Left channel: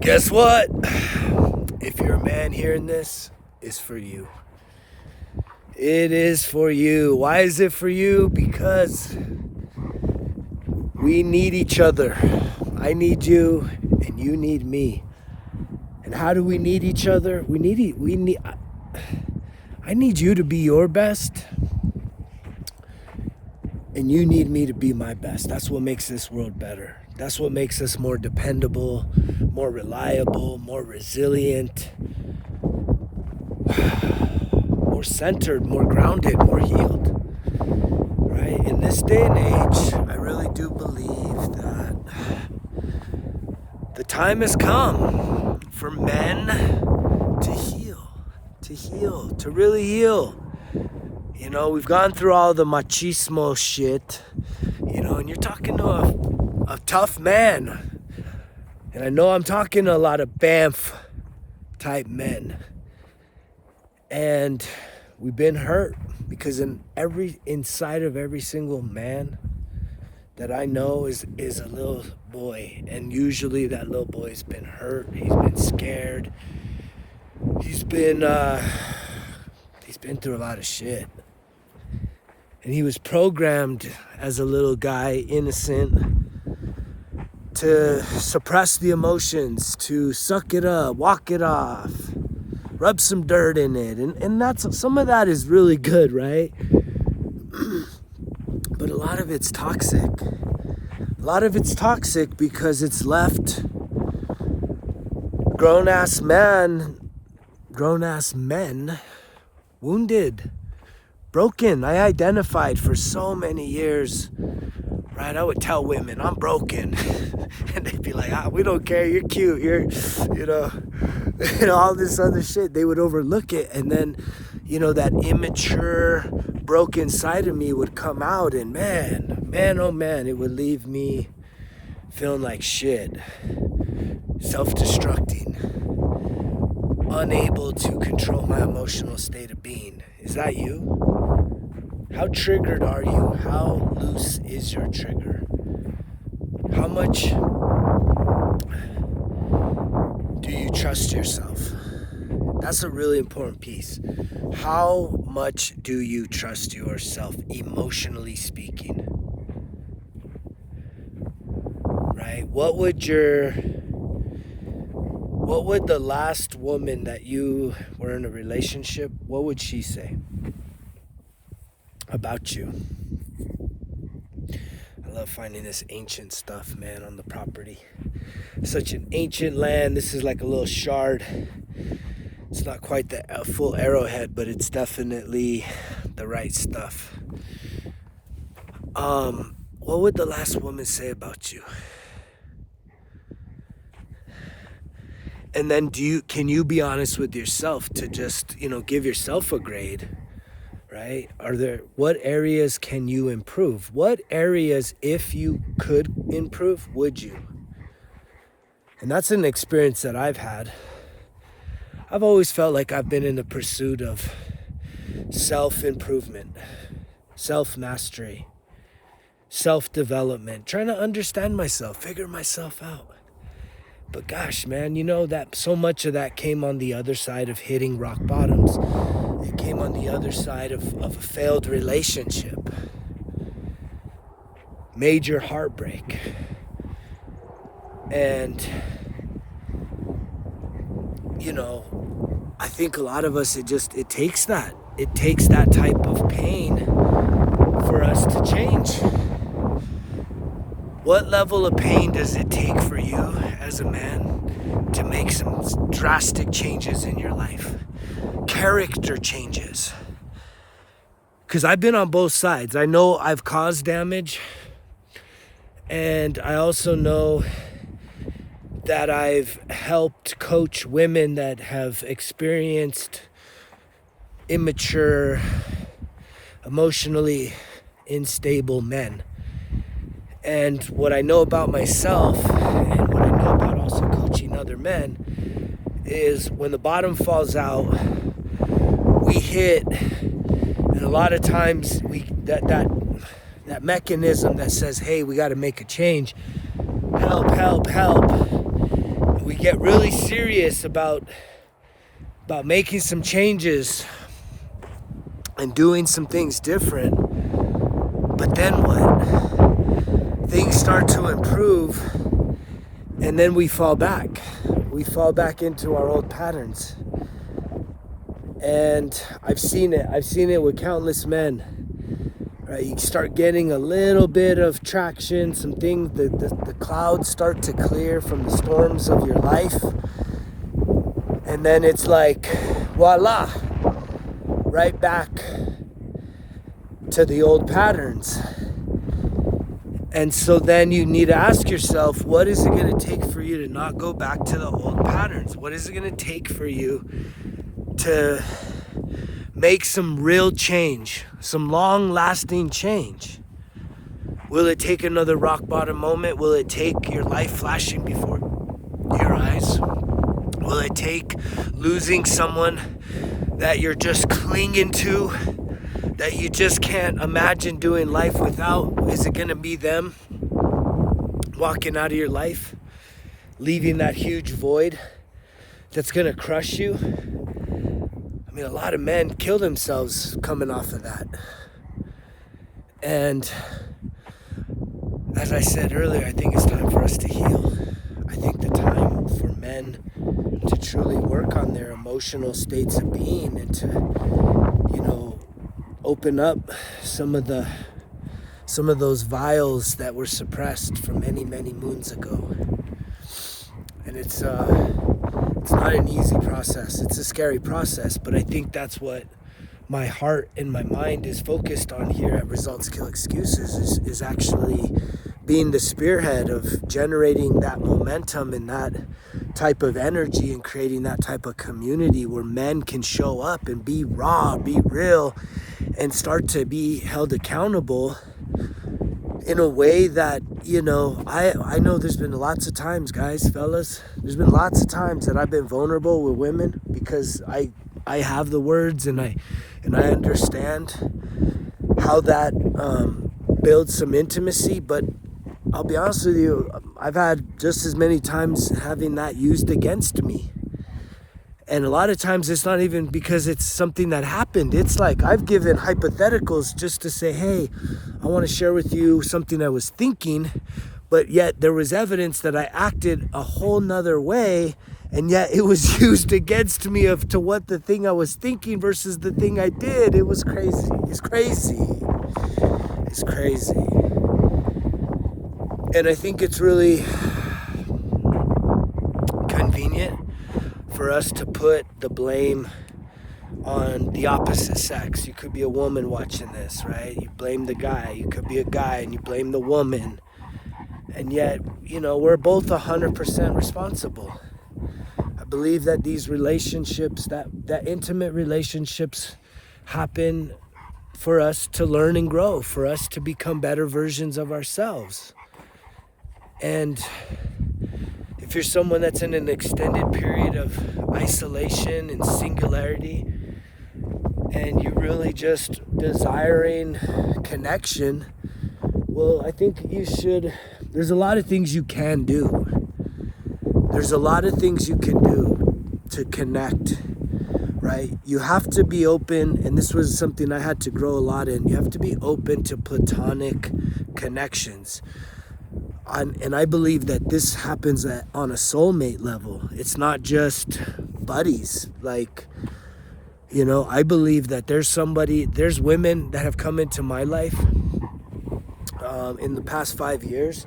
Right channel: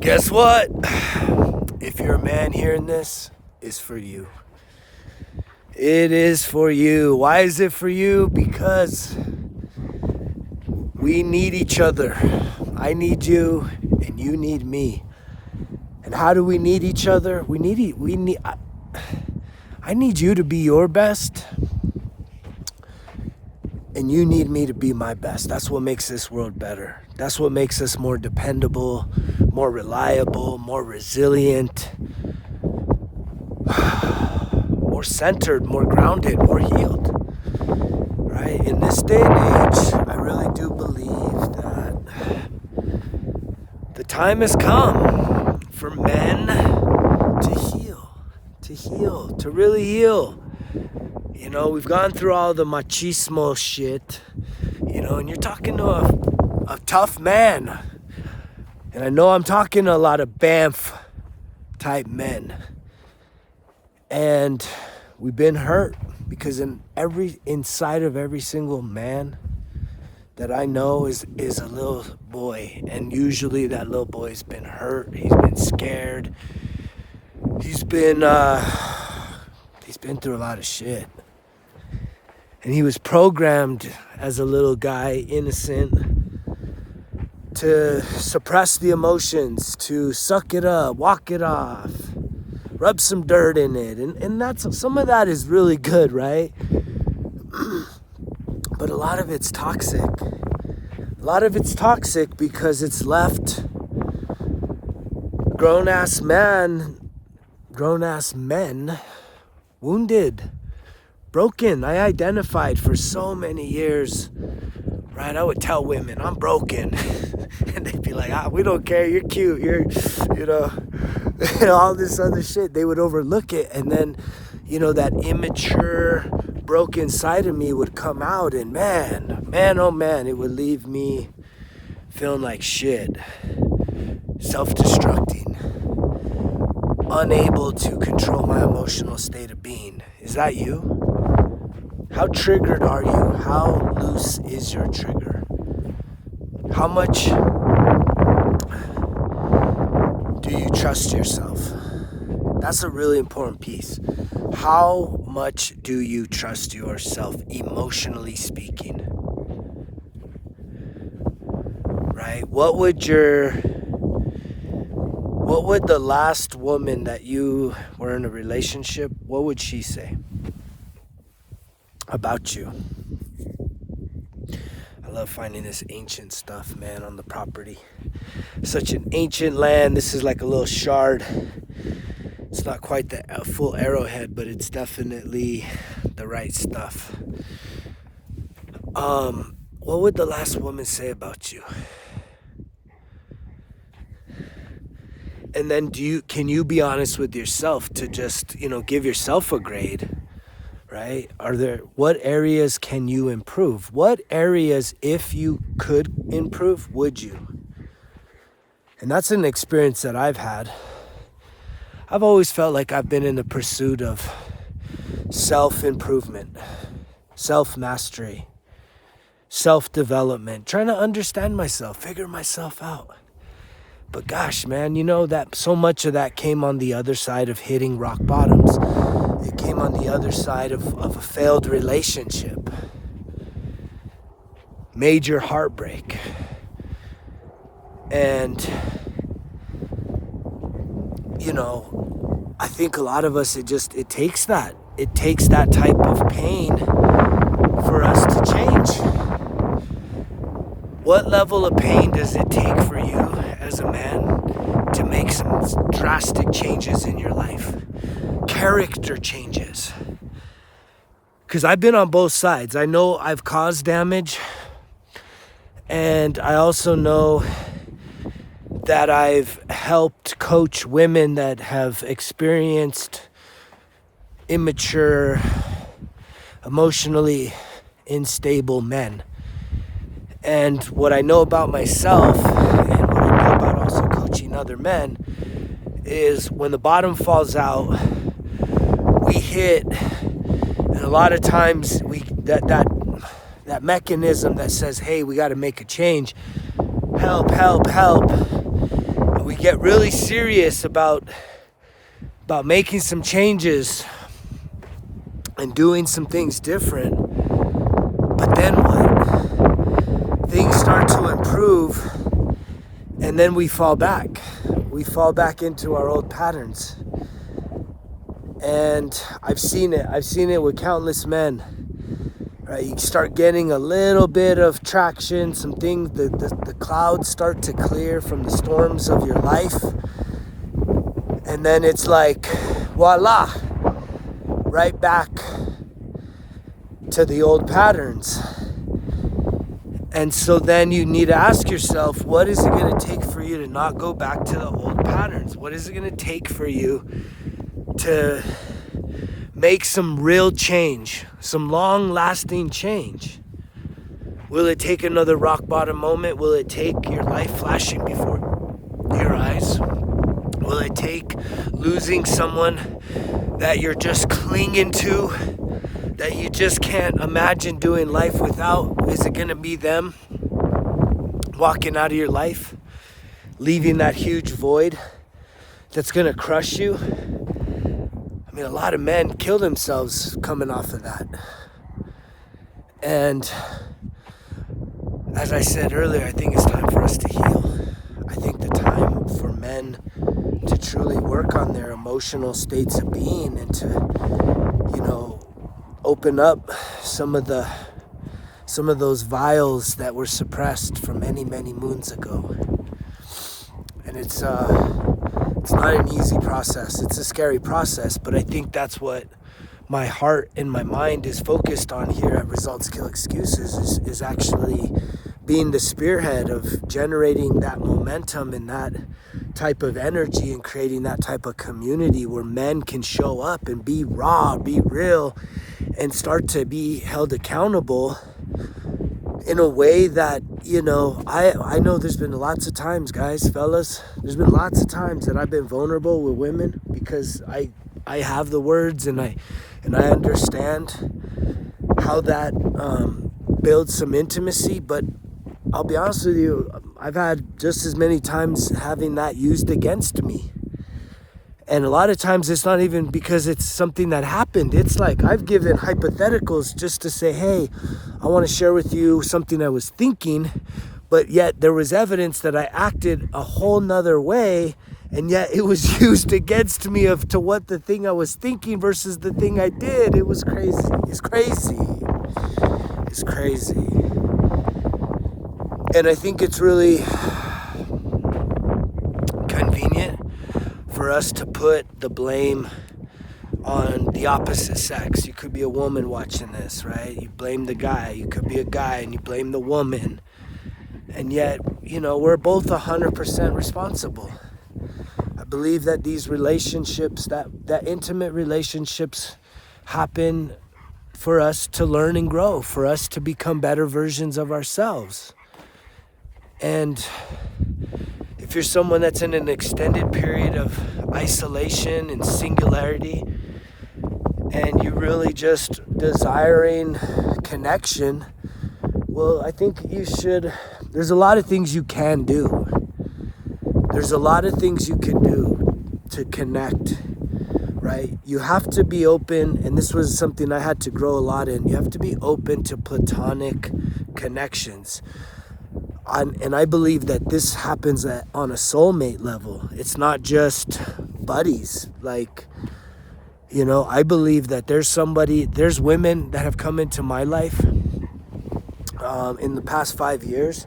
Guess what? If you're a man hearing this, it's for you. It is for you. Why is it for you? Because we need each other. I need you and you need me. And how do we need each other? I need you to be your best. And you need me to be my best. That's what makes this world better. That's what makes us more dependable, more reliable, more resilient, more centered, more grounded, more healed. Right? In this day and age, I really do believe that the time has come for men to heal, to really heal. You know, we've gone through all the machismo shit, you know, and you're talking to a tough man. And I know I'm talking to a lot of Banff type men. And we've been hurt because inside of every single man that I know is a little boy. And usually that little boy's been hurt, he's been scared. He's been through a lot of shit. And he was programmed as a little guy, innocent, to suppress the emotions, to suck it up, walk it off, rub some dirt in it. And that's, some of that is really good, right? But a lot of it's toxic. A lot of it's toxic because it's left grown-ass men wounded, broken. I identified for so many years, right? I would tell women, I'm broken. And they'd be like, we don't care. You're cute. You know, all this other shit. They would overlook it. And then, that immature, broken side of me would come out. And man, oh man, it would leave me feeling like shit. Self-destructing. Unable to control my emotional state of being. Is that you? How triggered are you? How loose is your trigger? How much do you trust yourself? That's a really important piece. How much do you trust yourself, emotionally speaking? Right? What would the last woman that you were in a relationship, what would she say about you? I love finding this ancient stuff, man, on the property. Such an ancient land. This is like a little shard. It's not quite the full arrowhead, but it's definitely the right stuff. What would the last woman say about you? And then can you be honest with yourself to just, give yourself a grade, right? What areas can you improve? What areas, if you could improve, would you? And that's an experience that I've had. I've always felt like I've been in the pursuit of self-improvement, self-mastery, self-development, trying to understand myself, figure myself out. But gosh, man, that so much of that came on the other side of hitting rock bottoms. It came on the other side of a failed relationship. Major heartbreak. And, I think a lot of us, it takes that. It takes that type of pain for us to change. What level of pain does it take for you as a man to make some drastic changes in your life? Character changes. Because I've been on both sides. I know I've caused damage. And I also know that I've helped coach women that have experienced immature, emotionally unstable men. And what I know about myself, and what I know about also coaching other men, is when the bottom falls out, we hit, and a lot of times that mechanism that says, hey, we got to make a change, help, and we get really serious about making some changes and doing some things different. But then what? Things start to improve, and then we fall back. We fall back into our old patterns. And I've seen it with countless men. Right? You start getting a little bit of traction, some things, the clouds start to clear from the storms of your life. And then it's like, voila, right back to the old patterns. And so then you need to ask yourself, what is it going to take for you to not go back to the old patterns? What is it going to take for you to make some real change, some long-lasting change? Will it take another rock bottom moment? Will it take your life flashing before your eyes? Will it take losing someone that you're just clinging to, that you just can't imagine doing life without? Is it going to be them walking out of your life, leaving that huge void that's going to crush you? I mean, a lot of men kill themselves coming off of that. And as I said earlier, I think it's time for us to heal. I think the time for men to truly work on their emotional states of being and to, open up some of those vials that were suppressed from many, many moons ago. And it's not an easy process. It's a scary process, but I think that's what my heart and my mind is focused on here at Results Kill Excuses, is actually being the spearhead of generating that momentum and that type of energy and creating that type of community where men can show up and be raw, be real, and start to be held accountable in a way that, I know there's been lots of times, guys, fellas, there's been lots of times that I've been vulnerable with women because I have the words and I understand how that builds some intimacy. But I'll be honest with you, I've had just as many times having that used against me. And a lot of times it's not even because it's something that happened. It's like I've given hypotheticals just to say, hey, I want to share with you something I was thinking, but yet there was evidence that I acted a whole nother way, and yet it was used against me to what the thing I was thinking versus the thing I did. It was crazy. It's crazy. It's crazy. And I think it's really convenient for us to put the blame on the opposite sex. You could be a woman watching this, right? You blame the guy. You could be a guy and you blame the woman. And yet, we're both 100% responsible. I believe that these relationships, that intimate relationships happen for us to learn and grow, for us to become better versions of ourselves. And if you're someone that's in an extended period of isolation and singularity, and you're really just desiring connection, well, I think there's a lot of things you can do. There's a lot of things you can do to connect, right? You have to be open, and this was something I had to grow a lot in. You have to be open to platonic connections. And I believe that this happens on a soulmate level. It's not just buddies. Like, I believe that there's women that have come into my life in the past 5 years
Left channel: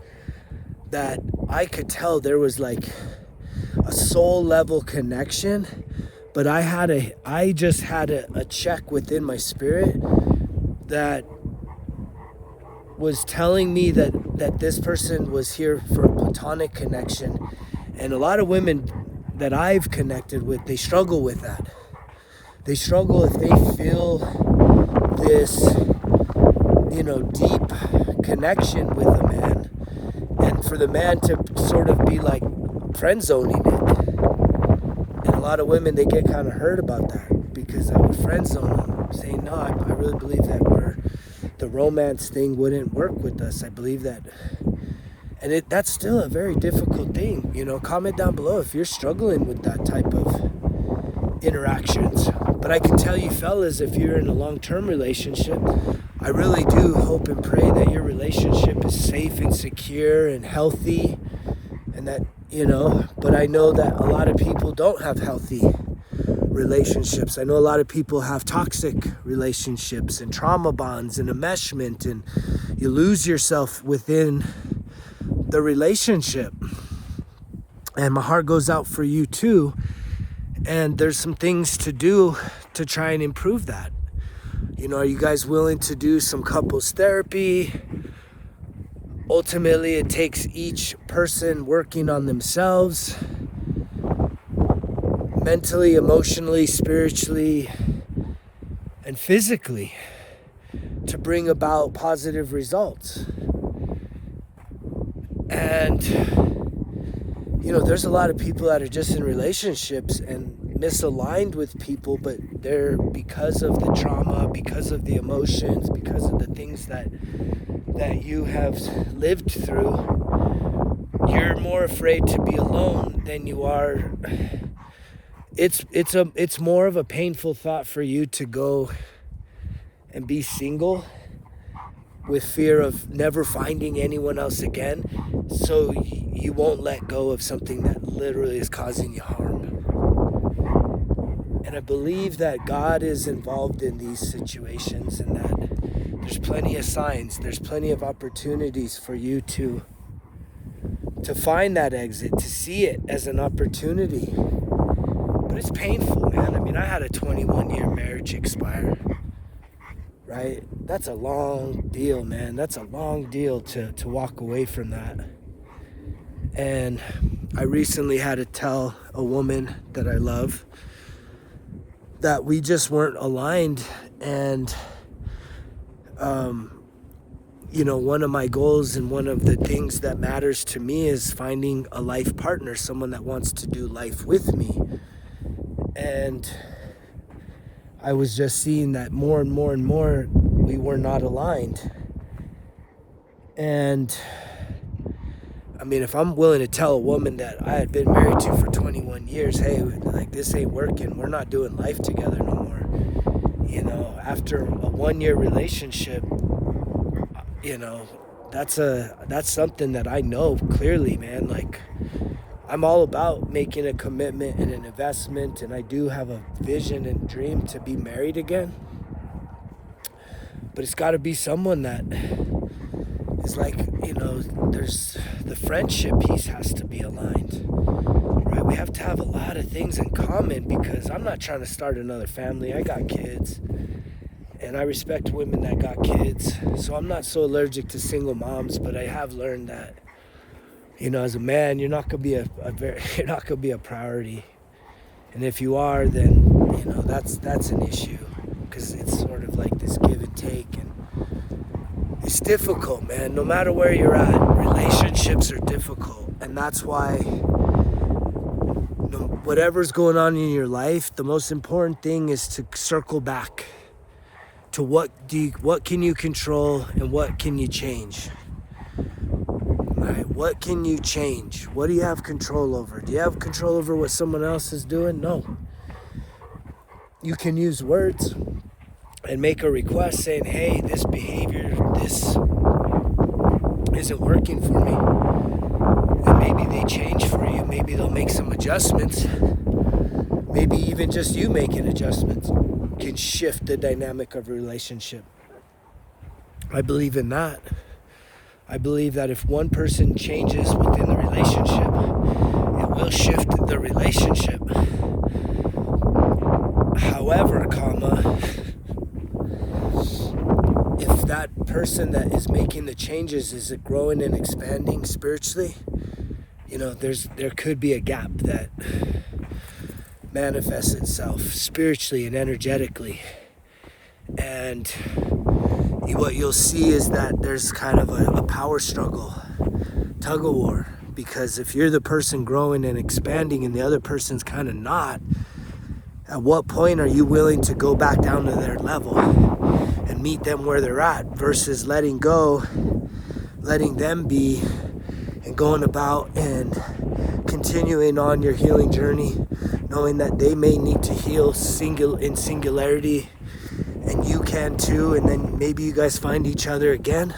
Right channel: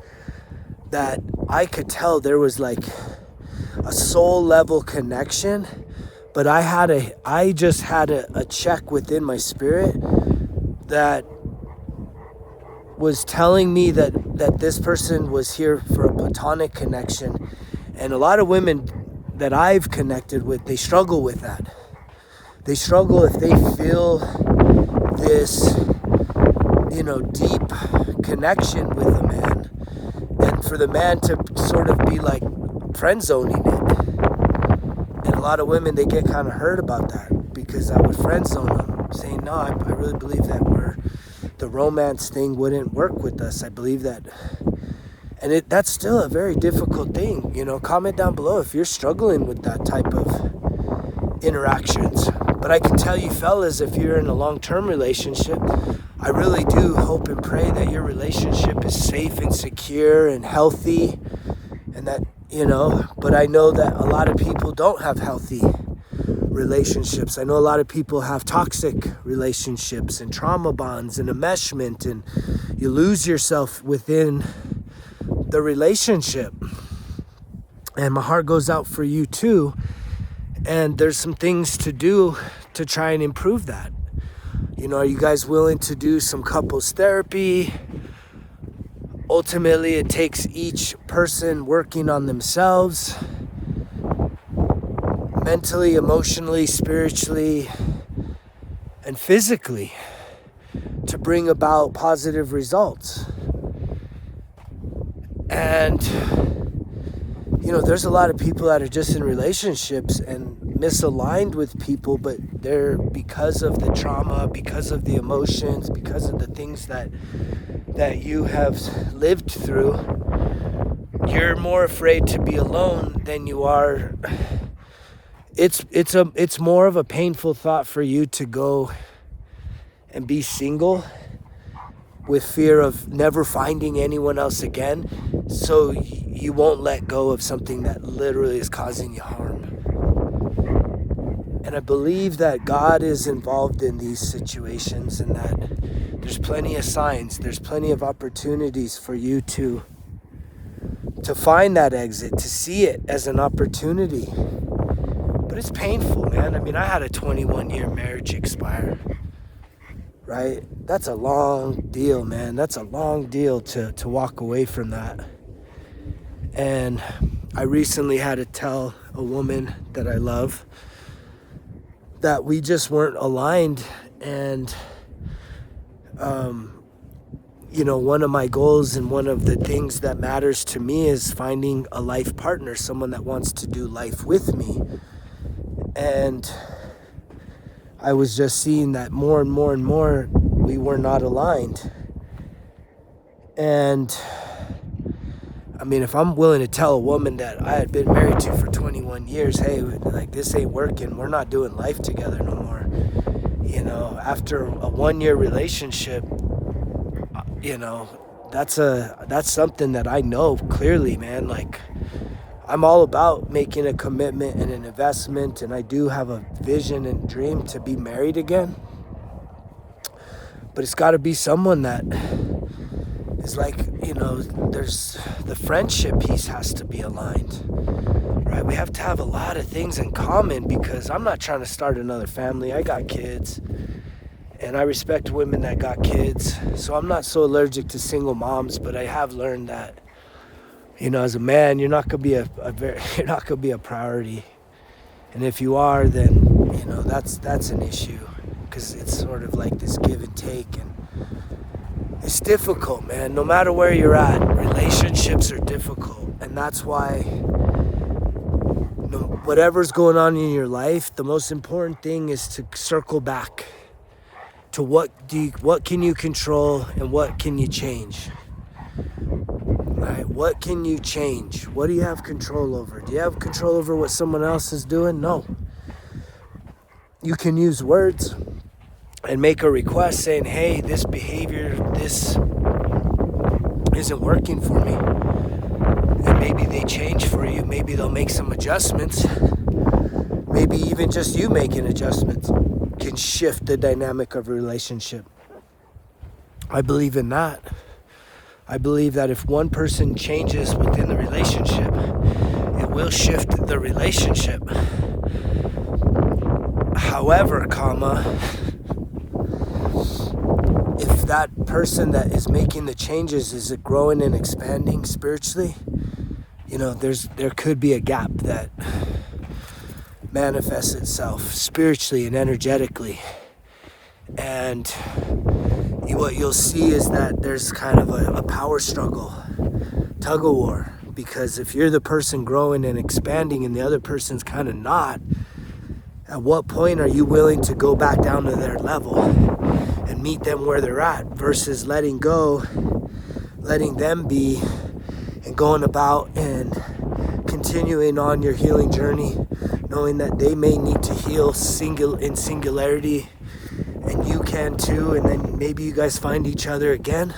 that I could tell there was like a soul level connection, but I just had a check within my spirit that was telling me that this person was here for a platonic connection. And a lot of women that I've connected with, they struggle with that. They struggle if they feel this, deep connection with a man, and for the man to sort of be like friend zoning it. And a lot of women, they get kind of hurt about that because I would friend zone them, saying, no, I really believe that the romance thing wouldn't work with us. I believe that. And that's still a very difficult thing. Comment down below if you're struggling with that type of interactions. But I can tell you, fellas, if you're in a long-term relationship, I really do hope and pray that your relationship is safe and secure and healthy. And that, but I know that a lot of people don't have healthy relationships. I know a lot of people have toxic relationships and trauma bonds and enmeshment, and you lose yourself within the relationship. And my heart goes out for you too. And there's some things to do to try and improve that. Are you guys willing to do some couples therapy? Ultimately, it takes each person working on themselves, mentally, emotionally, spiritually, and physically, to bring about positive results. And, there's a lot of people that are just in relationships and misaligned with people, but they're, because of the trauma, because of the emotions, because of the things that you have lived through, you're more afraid to be alone than you are. It's more of a painful thought for you to go and be single with fear of never finding anyone else again, so you won't let go of something that literally is causing you harm. And I believe that God is involved in these situations, and that there's plenty of signs, there's plenty of opportunities for you to find that exit, to see it as an opportunity. But it's painful, man. I mean, I had a 21-year marriage expire, right? That's a long deal, man. That's a long deal to walk away from that. And I recently had to tell a woman that I love that we just weren't aligned. And, one of my goals and one of the things that matters to me is finding a life partner, someone that wants to do life with me. And I was just seeing that more and more and more we were not aligned. And I mean, if I'm willing to tell a woman that I had been married to for 21 years, hey, like, this ain't working, we're not doing life together no more. After a 1-year relationship, that's something that I know clearly, man. Like, I'm all about making a commitment and an investment, and I do have a vision and dream to be married again. But it's got to be someone that is like, there's the friendship piece has to be aligned, right? We have to have a lot of things in common, because I'm not trying to start another family. I got kids, and I respect women that got kids. So I'm not so allergic to single moms, but I have learned that, as a man, you're not gonna be you're not gonna be a priority. And if you are, then, that's an issue, because it's sort of like this give and take, and it's difficult, man. No matter where you're at, relationships are difficult. And that's why, whatever's going on in your life, the most important thing is to circle back to what can you control and what can you change, right? What can you change? What do you have control over? Do you have control over what someone else is doing? No. You can use words and make a request saying, hey, this behavior, this isn't working for me. And maybe they change for you. Maybe they'll make some adjustments. Maybe even just you making adjustments can shift the dynamic of a relationship. I believe in that. I believe that if one person changes within the relationship, it will shift the relationship. However, if that person that is making the changes is it growing and expanding spiritually, there could be a gap that manifests itself spiritually and energetically. And what you'll see is that there's kind of a power struggle, tug of war, because if you're the person growing and expanding and the other person's kind of not, at what point are you willing to go back down to their level and meet them where they're at, versus letting go, letting them be and going about and continuing on your healing journey, knowing that they may need to heal in singularity, and you can too, and then maybe you guys find each other again,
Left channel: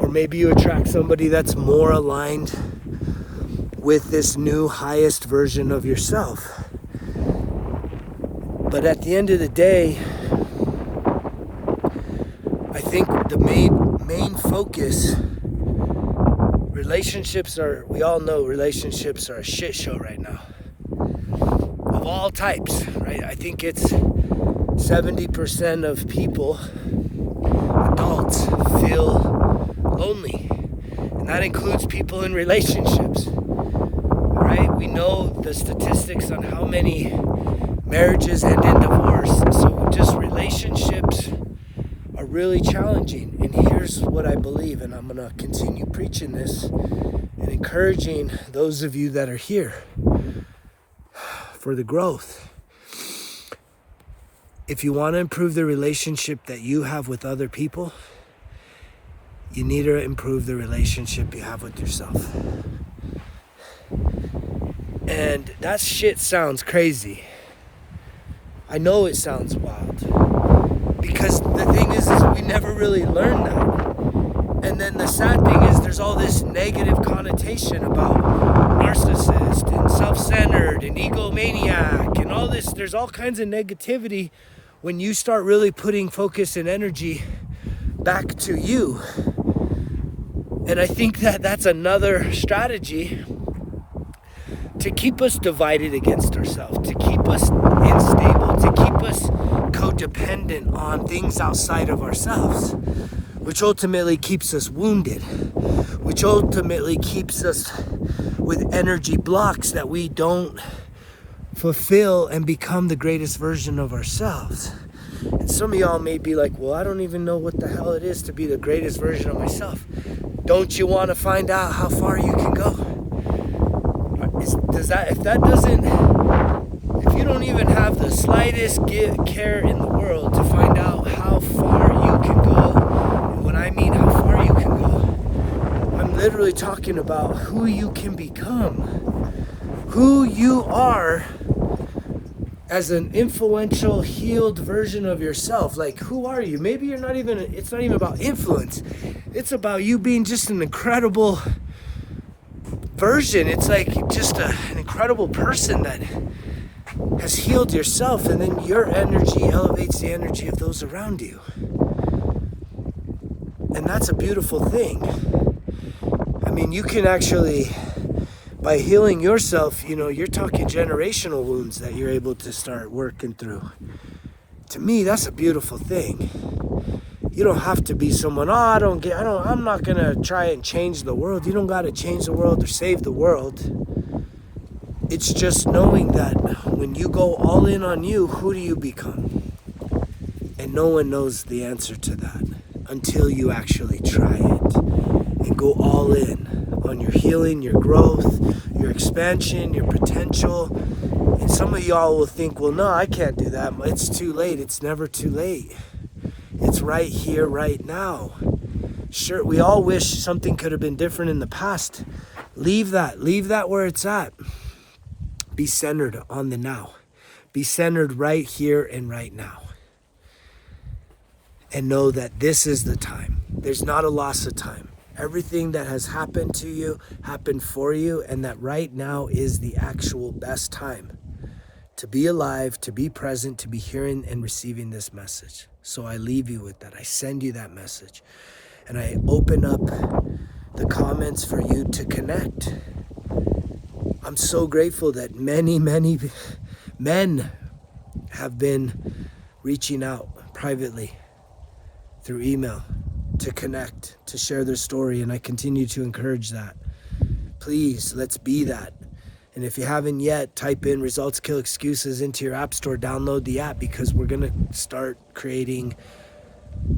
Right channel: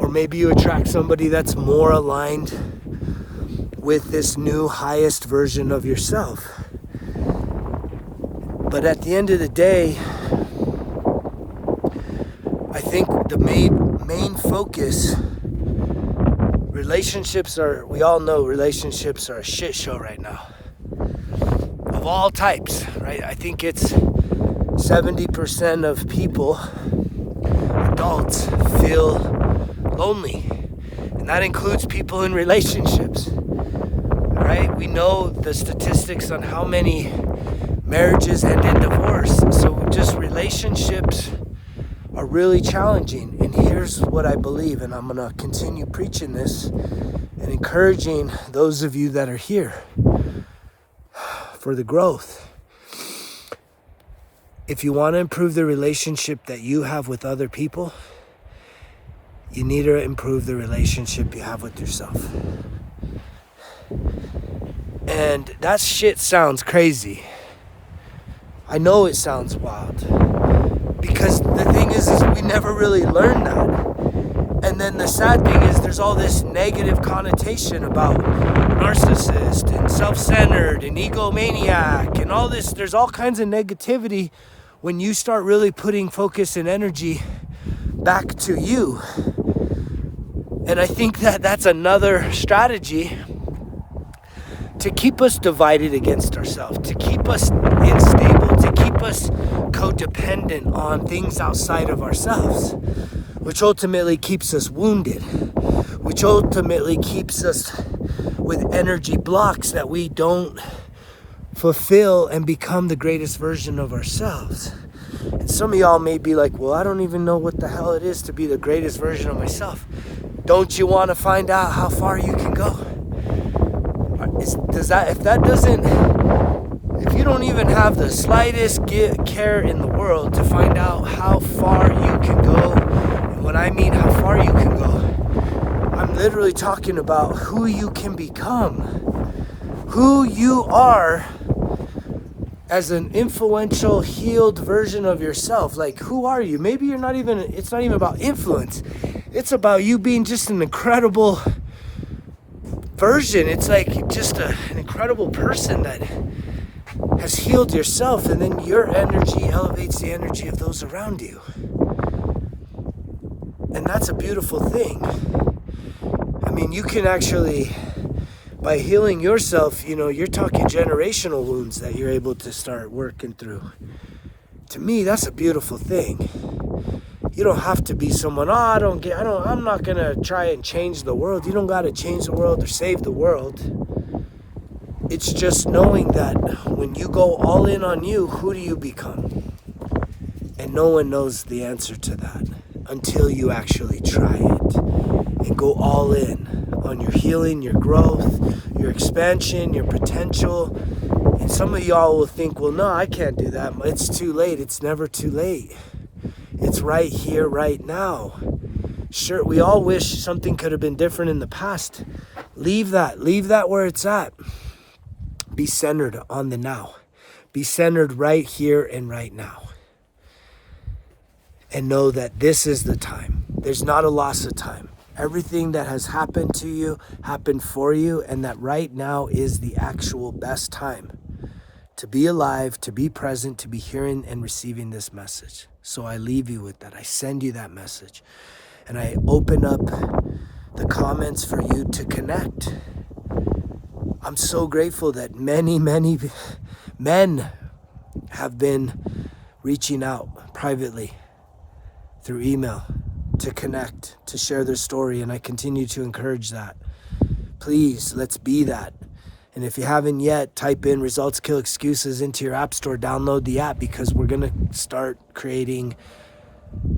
or maybe you attract somebody that's more aligned with this new highest version of yourself. But at the end of the day, I think the main focus, we all know relationships are a shit show right now. Of all types, right? I think it's 70% of people, adults, feel lonely. And that includes people in relationships, right? We know the statistics on how many marriages end in divorce. So just relationships are really challenging. And here's what I believe, and I'm going to continue preaching this and encouraging those of you that are here for the growth. If you want to improve the relationship that you have with other people, you need to improve the relationship you have with yourself. And that shit sounds crazy. I know it sounds wild. Because the thing is we never really learn that. And then the sad thing is there's all this negative connotation about narcissist and self-centered and egomaniac and all this. There's all kinds of negativity when you start really putting focus and energy back to you. And I think that that's another strategy to keep us divided against ourselves, to keep us unstable, to keep us codependent on things outside of ourselves, which ultimately keeps us wounded, which ultimately keeps us with energy blocks that we don't fulfill and become the greatest version of ourselves. And some of y'all may be like, well, I don't even know what the hell it is to be the greatest version of myself. Don't you want to find out how far you can go? If you don't even have the slightest care in the world to find out how far you can go, and when I mean how far you can go, I'm literally talking about who you can become, who you are as an influential, healed version of yourself. Like, who are you? Maybe it's not even about influence. It's about you being just an incredible version. It's like just an incredible person that has healed yourself, and then your energy elevates the energy of those around you. And that's a beautiful thing. I mean, you can actually, by healing yourself, you're talking generational wounds that you're able to start working through. To me, that's a beautiful thing. You don't have to be someone, I'm not going to try and change the world. You don't got to change the world or save the world. It's just knowing that when you go all in on you, who do you become? And no one knows the answer to that until you actually try it and go all in on your healing, your growth, your expansion, your potential. And some of y'all will think, well, no, I can't do that. It's too late. It's never too late. It's right here, right now. Sure, we all wish something could have been different in the past. Leave that where it's at. Be centered on the now. Be centered right here and right now. And know that this is the time. There's not a loss of time. Everything that has happened to you happened for you, and that right now is the actual best time to be alive, to be present, to be hearing and receiving this message. So I leave you with that. I send you that message. And I open up the comments for you to connect. I'm so grateful that many, many men have been reaching out privately through email to connect, to share their story, and I continue to encourage that. Please, let's be that. And if you haven't yet, type in Results Kill Excuses into your app store, download the app, because we're going to start creating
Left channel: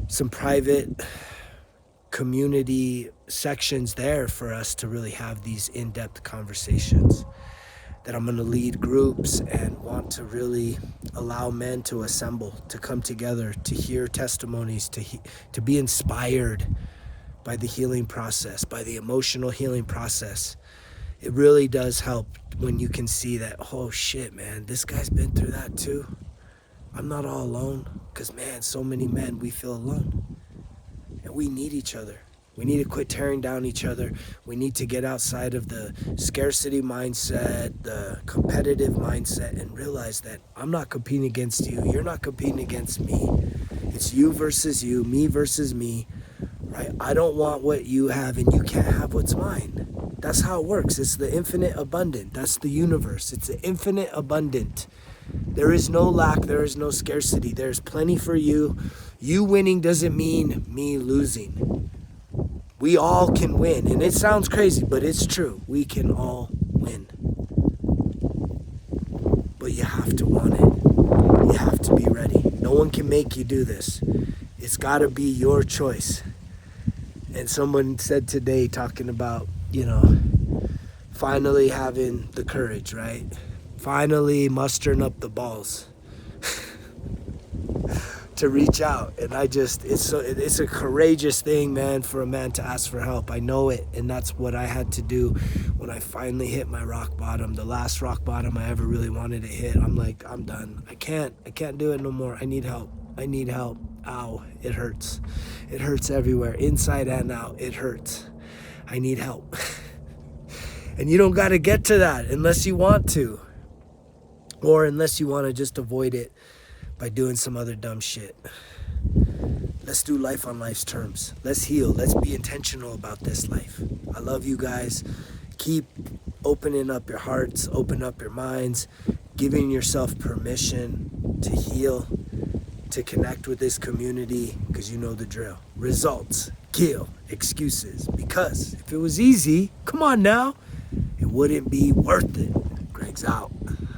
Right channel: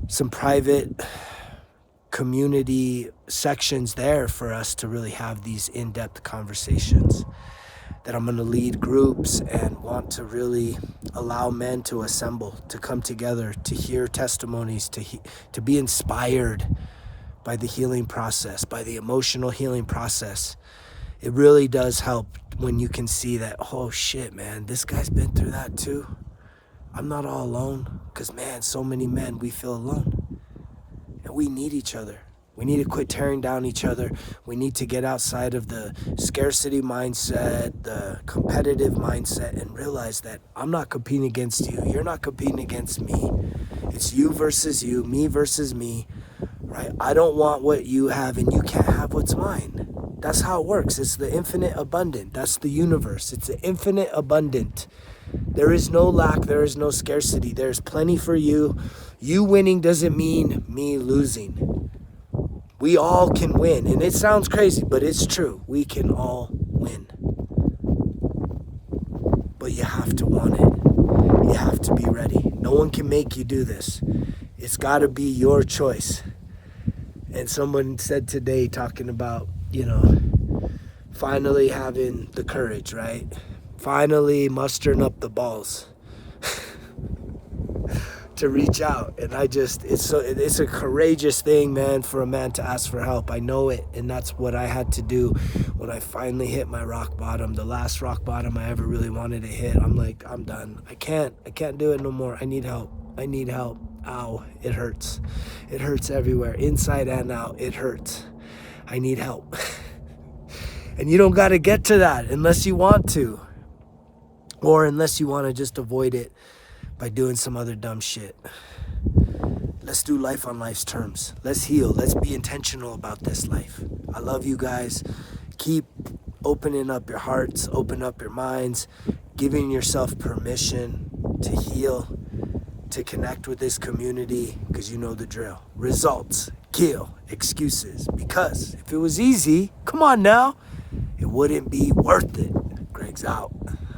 some private community sections there for us to really have these in-depth conversations, that I'm going to lead groups and want to really allow men to assemble, to come together, to hear testimonies, to be inspired by the healing process, by the emotional healing process. It really does help when you can see that, oh shit, man, this guy's been through that too. I'm not all alone. Because, man, so many men, we feel alone. And we need each other. We need to quit tearing down each other. We need to get outside of the scarcity mindset, the competitive mindset, and realize that I'm not competing against you. You're not competing against me. It's you versus you, me versus me, right? I don't want what you have and you can't have what's mine. That's how it works. It's the infinite abundant. That's the universe. It's the infinite abundant. There is no lack. There is no scarcity. There's plenty for you. You winning doesn't mean me losing. We all can win. And it sounds crazy, but it's true. We can all win. But you have to want it. You have to be ready. No one can make you do this. It's got to be your choice. And someone said today, talking about, finally having the courage, right? Finally mustering up the balls to reach out. And it's a courageous thing, man, for a man to ask for help. I know it. And that's what I had to do when I finally hit my rock bottom, the last rock bottom I ever really wanted to hit. I'm like, I'm done. I can't do it no more. I need help. I need help. Ow, it hurts. It hurts everywhere, inside and out. It hurts. I need help. And you don't got to get to that unless you want to. Or unless you want to just avoid it by doing some other dumb shit. Let's do life on life's terms. Let's heal. Let's be intentional about this life. I love you guys. Keep opening up your hearts, open up your minds, giving yourself permission to heal, to connect with this community, because you know the drill. Results kill excuses. Because if it was easy, come on now, it wouldn't be worth it. Greg's out.